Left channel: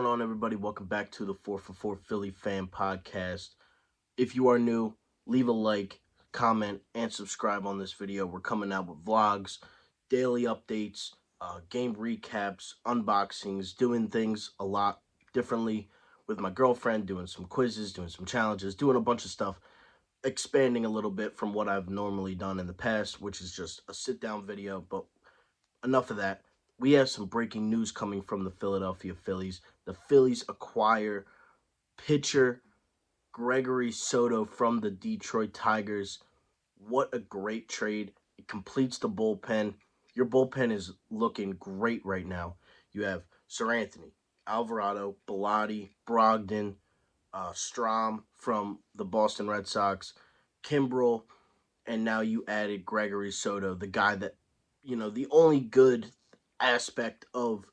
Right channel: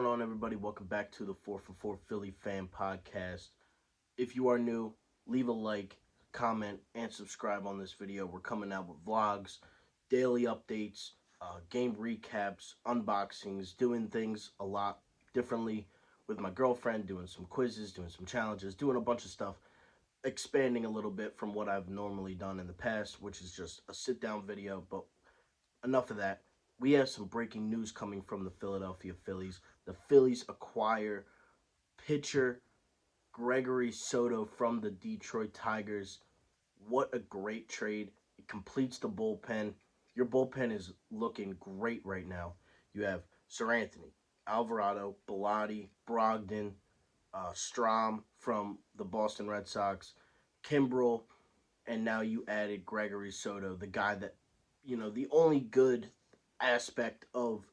going on, everybody? Welcome back to the 4 for 4 Philly Fan Podcast. If you are new, leave a like, comment, and subscribe on this video. We're coming out with vlogs, daily updates, game recaps, unboxings, doing things a lot differently with my girlfriend, doing some quizzes, doing some challenges, doing a bunch of stuff, expanding a little bit from what I've normally done in the past, which is just a sit-down video, but enough of that. We have some breaking news coming from the Philadelphia Phillies. The Phillies acquire pitcher Gregory Soto from the Detroit Tigers. What a great trade. It completes the bullpen. Your bullpen is looking great right now. You have Seranthony, Alvarado, Bellotti, Brogdon, Strom from the Boston Red Sox, Kimbrel, and now you added Gregory Soto, the guy that, the only good aspect of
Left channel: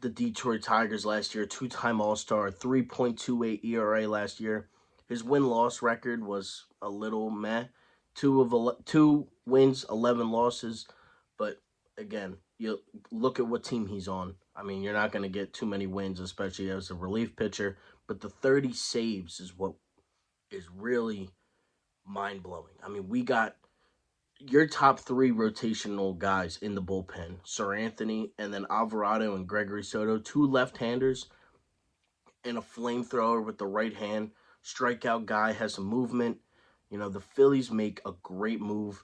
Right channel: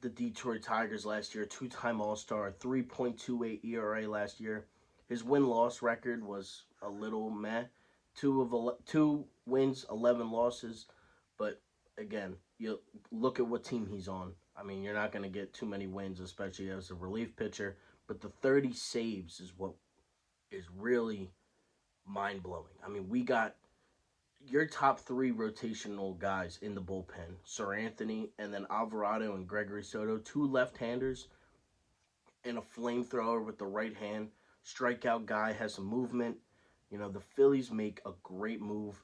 the Detroit Tigers last year, two-time All-Star, 3.28 ERA last year. His win-loss record was a little meh. Two wins, 11 losses. But again, you look at what team he's on. I mean, you're not going to get too many wins, especially as a relief pitcher. But the 30 saves is what is really mind-blowing. I mean, we got your top three rotational guys in the bullpen, Seranthony, and then Alvarado and Gregory Soto, two left-handers and a flamethrower with the right hand. Strikeout guy, has some movement. The Phillies make a great move.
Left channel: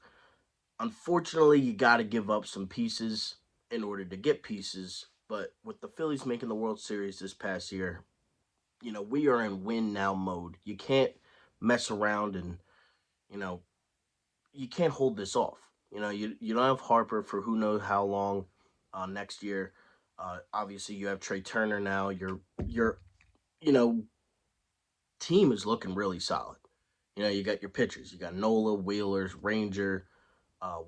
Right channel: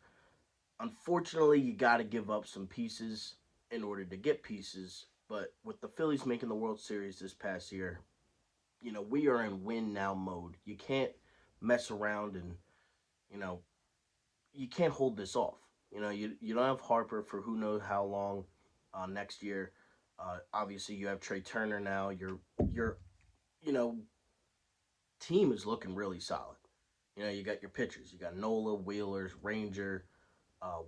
Unfortunately, you got to give up some pieces in order to get pieces. But with the Phillies making the World Series this past year, we are in win now mode. You can't mess around and, you can't hold this off. You don't have Harper for who knows how long next year. Obviously, you have Trey Turner now. Your you know team is looking really solid. You got your pitchers. You got Nola, Wheelers, Ranger,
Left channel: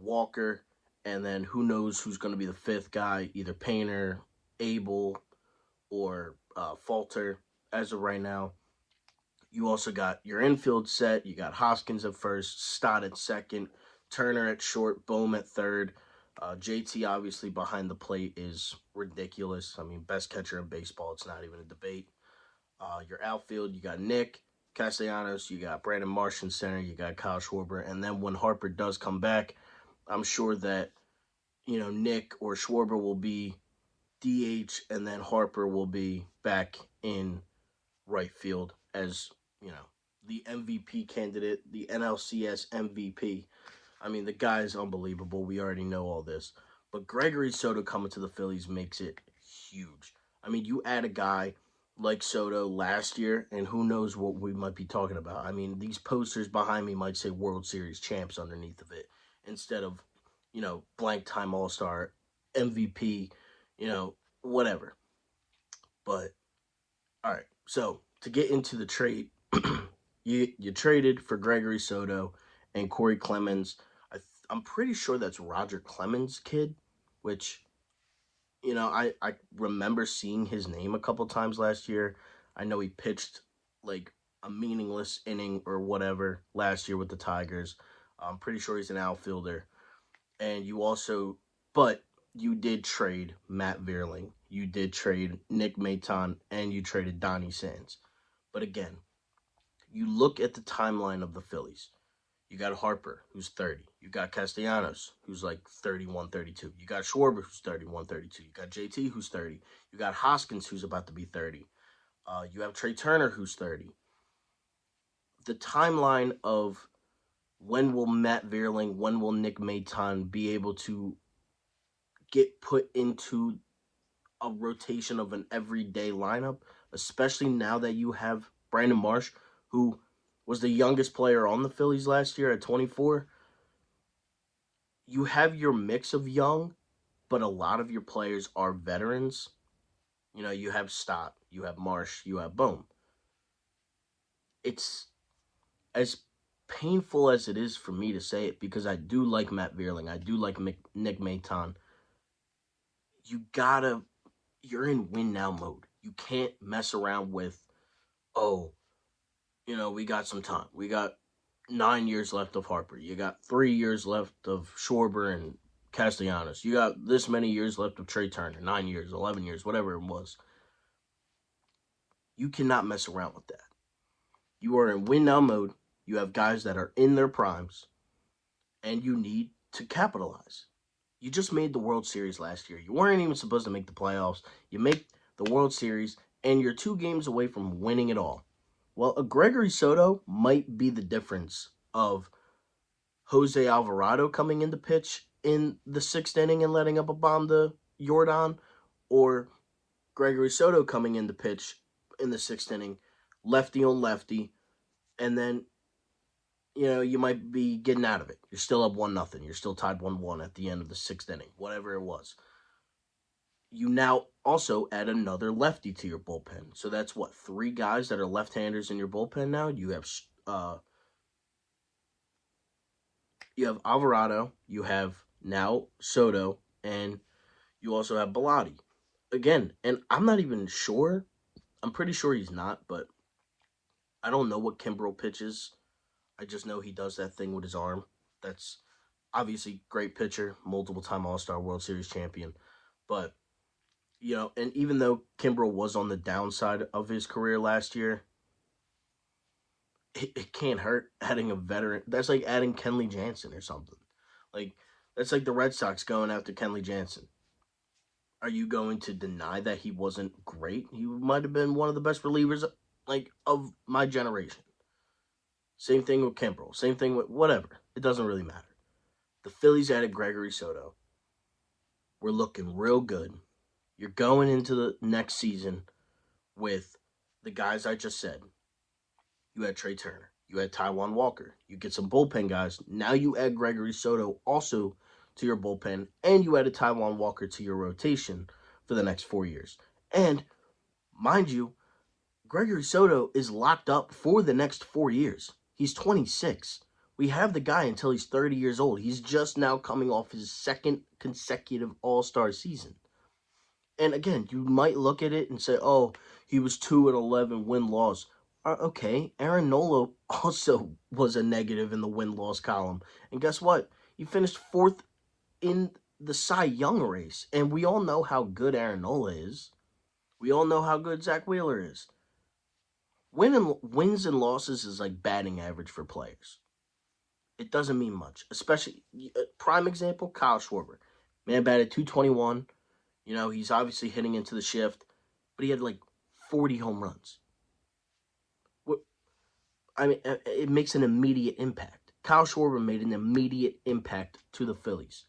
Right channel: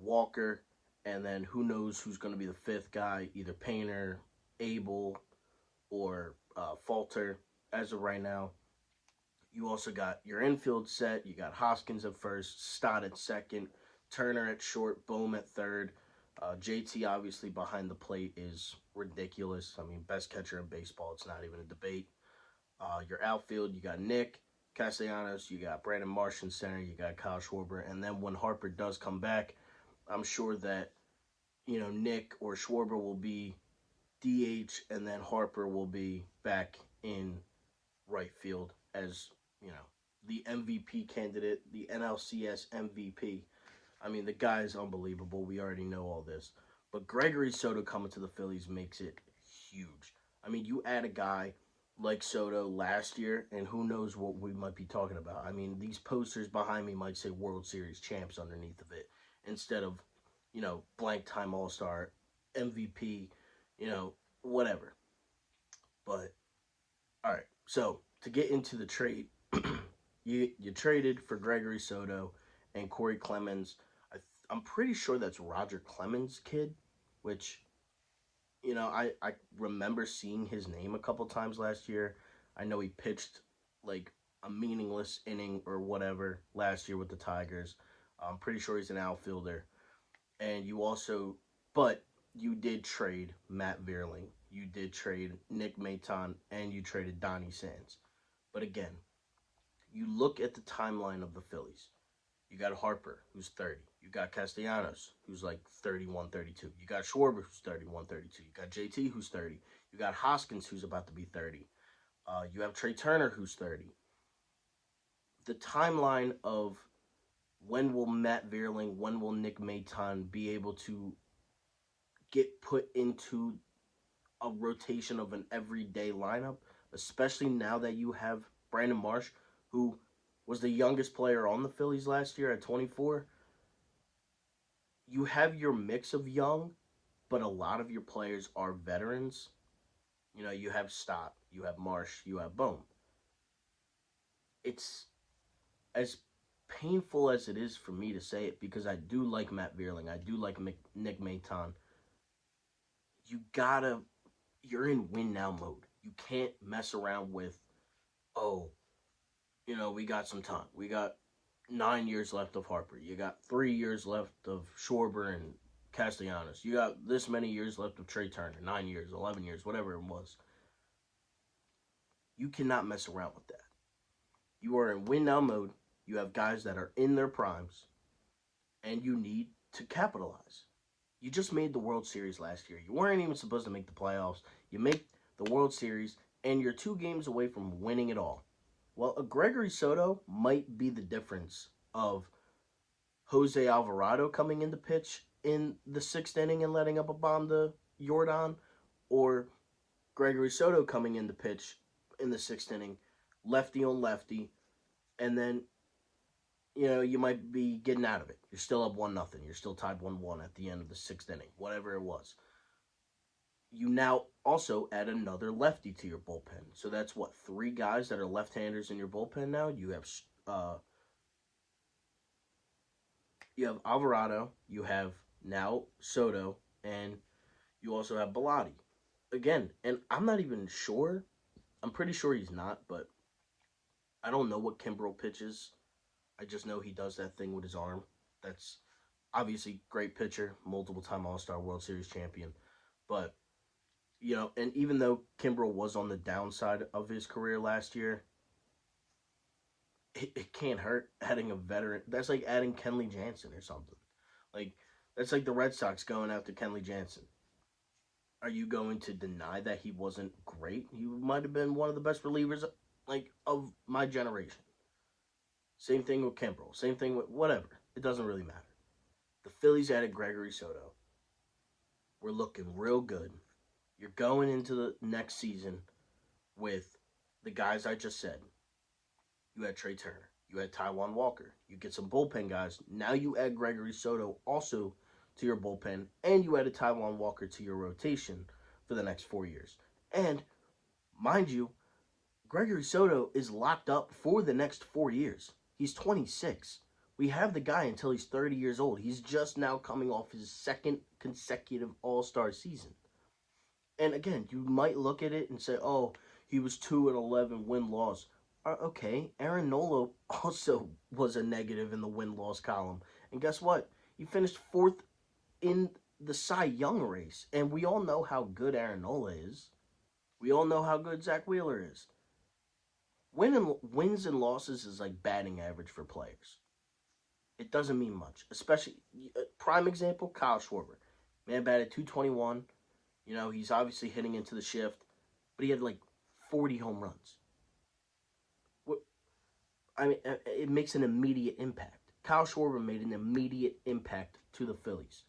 Walker, and then who knows who's going to be the fifth guy, either Painter, Abel, or Falter as of right now. You also got your infield set. You got Hoskins at first, Stott at second, Turner at short, Bohm at third. JT obviously behind the plate is ridiculous. I mean, best catcher in baseball. It's not even a debate. Your outfield, you got Nick Castellanos, you got Brandon Marsh in center, you got Kyle Schwarber. And then when Harper does come back, I'm sure that, Nick or Schwarber will be DH, and then Harper will be back in right field as, the MVP candidate, the NLCS MVP. I mean, the guy is unbelievable. We already know all this. But Gregory Soto coming to the Phillies makes it huge. I mean, you add a guy like Soto last year, and who knows what we might be talking about. I mean, these posters behind me might say World Series champs underneath of it instead of, blank time All-Star, MVP, whatever. But, all right. So, to get into the trade, you traded for Gregory Soto and Corey Clemens. I'm pretty sure that's Rodger Clemens' kid, which, I remember seeing his name a couple times last year. I know he pitched like a meaningless inning or whatever last year with the Tigers. I'm pretty sure he's an outfielder. And but you did trade Matt Vierling. You did trade Nick Maton, and you traded Donnie Sands. But again, you look at the timeline of the Phillies. You got Harper, who's 30. You got Castellanos, who's like 31, 32. You got Schwarber, who's 31, 32. You got JT, who's 30. You got Hoskins, who's about to be 30. You have Trey Turner, who's 30. The timeline of when will Matt Vierling, when will Nick Maton be able to get put into a rotation of an everyday lineup, especially now that you have Brandon Marsh, who was the youngest player on the Phillies last year at 24. You have your mix of young, but a lot of your players are veterans. You have Stott, you have Marsh, you have Bohm. It's as painful as it is for me to say it, because I do like Matt Vierling. I do like Nick Maton. You're in win now mode. You can't mess around with, we got some time. We got 9 years left of Harper. You got 3 years left of Schwarber and Castellanos. You got this many years left of Trey Turner. 9 years, 11 years, whatever it was. You cannot mess around with that. You are in win now mode. You have guys that are in their primes, and you need to capitalize. You just made the World Series last year. You weren't even supposed to make the playoffs. You make the World Series, and you're 2 games away from winning it all. Well, a Gregory Soto might be the difference of Jose Alvarado coming into pitch in the 6th inning and letting up a bomb to Jordan, or Gregory Soto coming into pitch in the 6th inning, lefty on lefty, and then you might be getting out of it. You're still up 1-0. You're still tied 1-1 at the end of the 6th inning, whatever it was. You now also add another lefty to your bullpen. So that's what, 3 guys that are left-handers in your bullpen now. You have Alvarado, you have now Soto, and you also have Bellotti. Again, and I'm not even sure. I'm pretty sure he's not, but I don't know what Kimbrel pitches. I just know he does that thing with his arm. That's obviously great pitcher, multiple time All-Star World Series champion. But, and even though Kimbrel was on the downside of his career last year, it can't hurt adding a veteran. That's like adding Kenley Jansen or something. Like, that's like the Red Sox going after Kenley Jansen. Are you going to deny that he wasn't great? He might have been one of the best relievers, of my generation. Same thing with Kimbrel. Same thing with whatever. It doesn't really matter. The Phillies added Gregory Soto. We're looking real good. You're going into the next season with the guys I just said. You had Trey Turner. You had Taijuan Walker. You get some bullpen guys. Now you add Gregory Soto also to your bullpen, and you added Taijuan Walker to your rotation for the next 4 years. And mind you, Gregory Soto is locked up for the next 4 years. He's 26. We have the guy until he's 30 years old. He's just now coming off his 2nd consecutive All-Star season. And again, you might look at it and say, oh, he was 2-11 win-loss. Okay, Aaron Nola also was a negative in the win-loss column. And guess what? He finished 4th in the Cy Young race. And we all know how good Aaron Nola is. We all know how good Zach Wheeler is. Wins and losses is like batting average for players. It doesn't mean much. Especially, prime example, Kyle Schwarber. Man batted 221. He's obviously hitting into the shift. But he had 40 home runs. It makes an immediate impact. Kyle Schwarber made an immediate impact to the Phillies.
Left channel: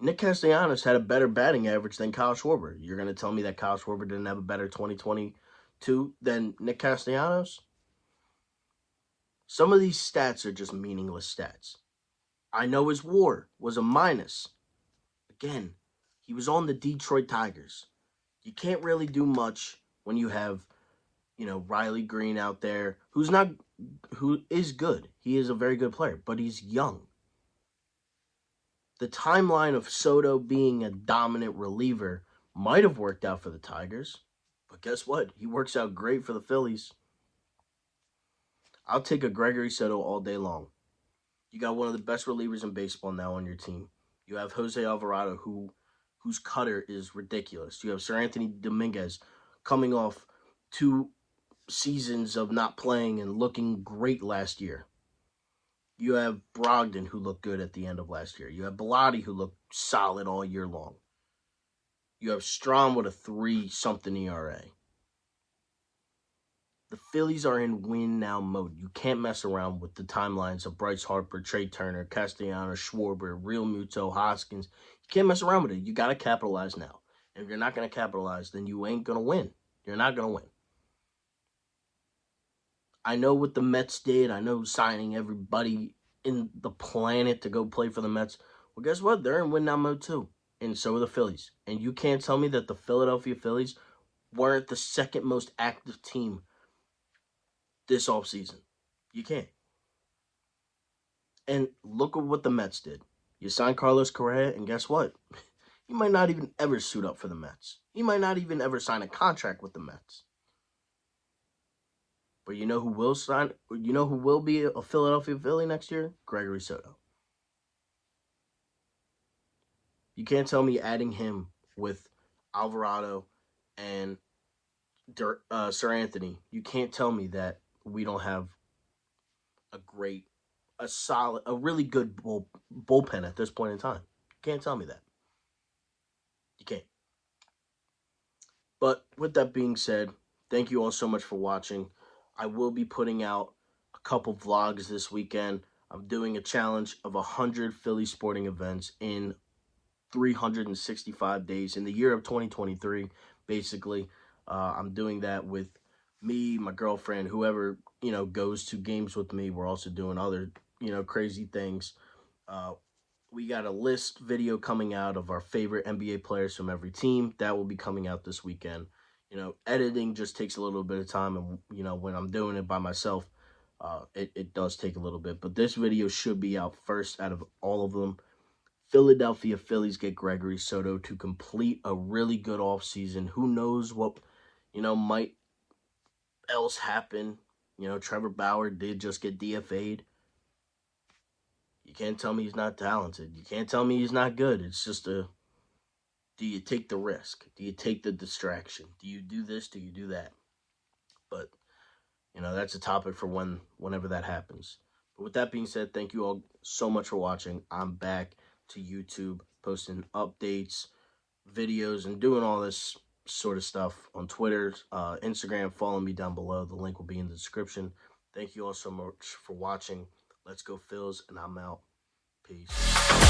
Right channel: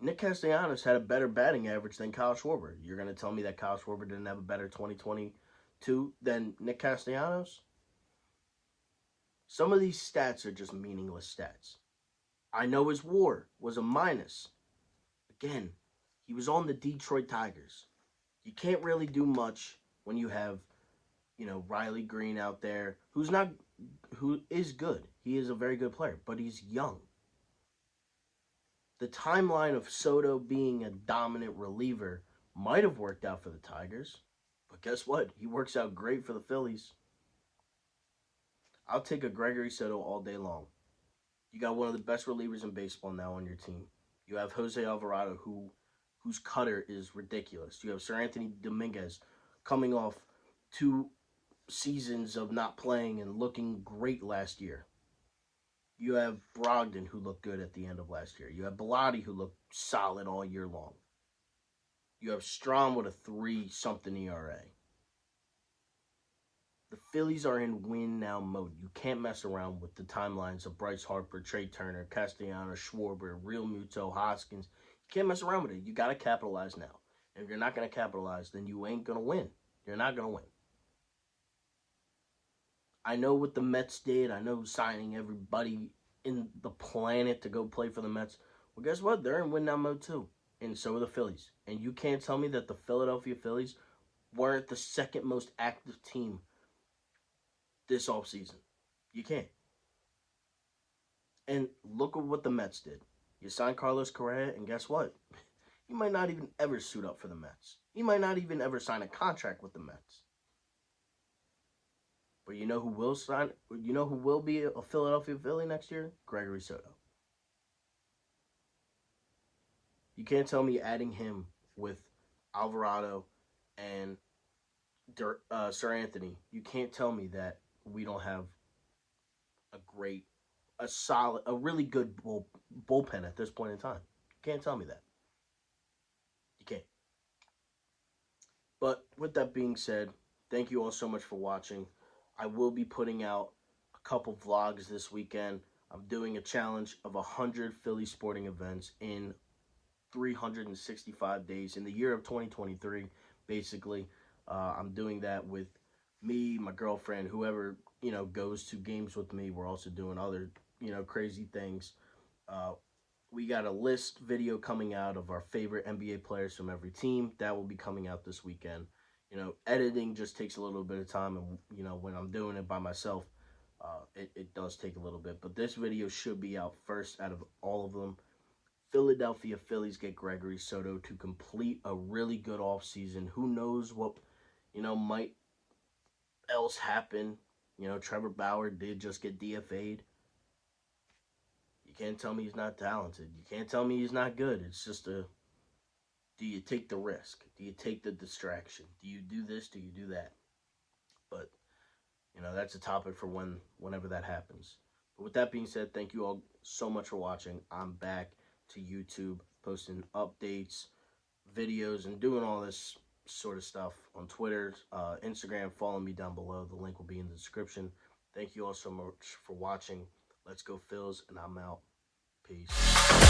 Nick Castellanos had a better batting average than Kyle Schwarber. You're going to tell me that Kyle Schwarber didn't have a better 2022 than Nick Castellanos? Some of these stats are just meaningless stats. I know his WAR was a minus. Again, he was on the Detroit Tigers. You can't really do much when you have, Riley Green out there, who is good. He is a very good player, but he's young. The timeline of Soto being a dominant reliever might have worked out for the Tigers, but guess what? He works out great for the Phillies. I'll take a Gregory Soto all day long. You got one of the best relievers in baseball now on your team. You have Jose Alvarado, whose cutter is ridiculous. You have Seranthony Dominguez coming off 2 seasons of not playing and looking great last year. You have Brogdon, who looked good at the end of last year. You have Bellotti, who looked solid all year long. You have Strahm with a 3-something ERA. The Phillies are in win-now mode. You can't mess around with the timelines of Bryce Harper, Trey Turner, Castellanos, Schwarber, Real Muto, Hoskins. You can't mess around with it. You got to capitalize now. And if you're not going to capitalize, then you ain't going to win. You're not going to win. I know what the Mets did. I know signing everybody in the planet to go play for the Mets. Well, guess what? They're in win-now mode too. And so are the Phillies. And you can't tell me that the Philadelphia Phillies weren't the 2nd most active team this offseason. You can't. And look at what the Mets did. You signed Carlos Correa, and guess what? He might not even ever suit up for the Mets. He might not even ever sign a contract with the Mets. But you know who will sign? You know who will be a Philadelphia Philly next year? Gregory Soto. You can't tell me adding him with Alvarado and Seranthony. You can't tell me that we don't have a great, a solid, a really good bullpen at this point in time. You can't tell me that. You can't. But with that being said, thank you all so much for watching. I will be putting out a couple vlogs this weekend. I'm doing a challenge of 100 Philly sporting events in 365 days in the year of 2023, basically. I'm doing that with me, my girlfriend, whoever, goes to games with me. We're also doing other, crazy things. Uh, we got a list video coming out of our favorite NBA players from every team. That will be coming out this weekend. Editing just takes a little bit of time, and when I'm doing it by myself, it does take a little bit. But this video should be out first out of all of them. Philadelphia Phillies get Gregory Soto to complete a really good offseason. Who knows what might else happen? Trevor Bauer did just get DFA'd. You can't tell me he's not talented. You can't tell me he's not good. It's just do you take the risk? Do you take the distraction? Do you do this? Do you do that? But that's a topic for whenever that happens. But with that being said, thank you all so much for watching. I'm back to YouTube posting updates, videos, and doing all this sort of stuff on Twitter, Instagram. Follow me down below. The link will be in the description. Thank you all so much for watching. Let's go Phils, and I'm out. Peace.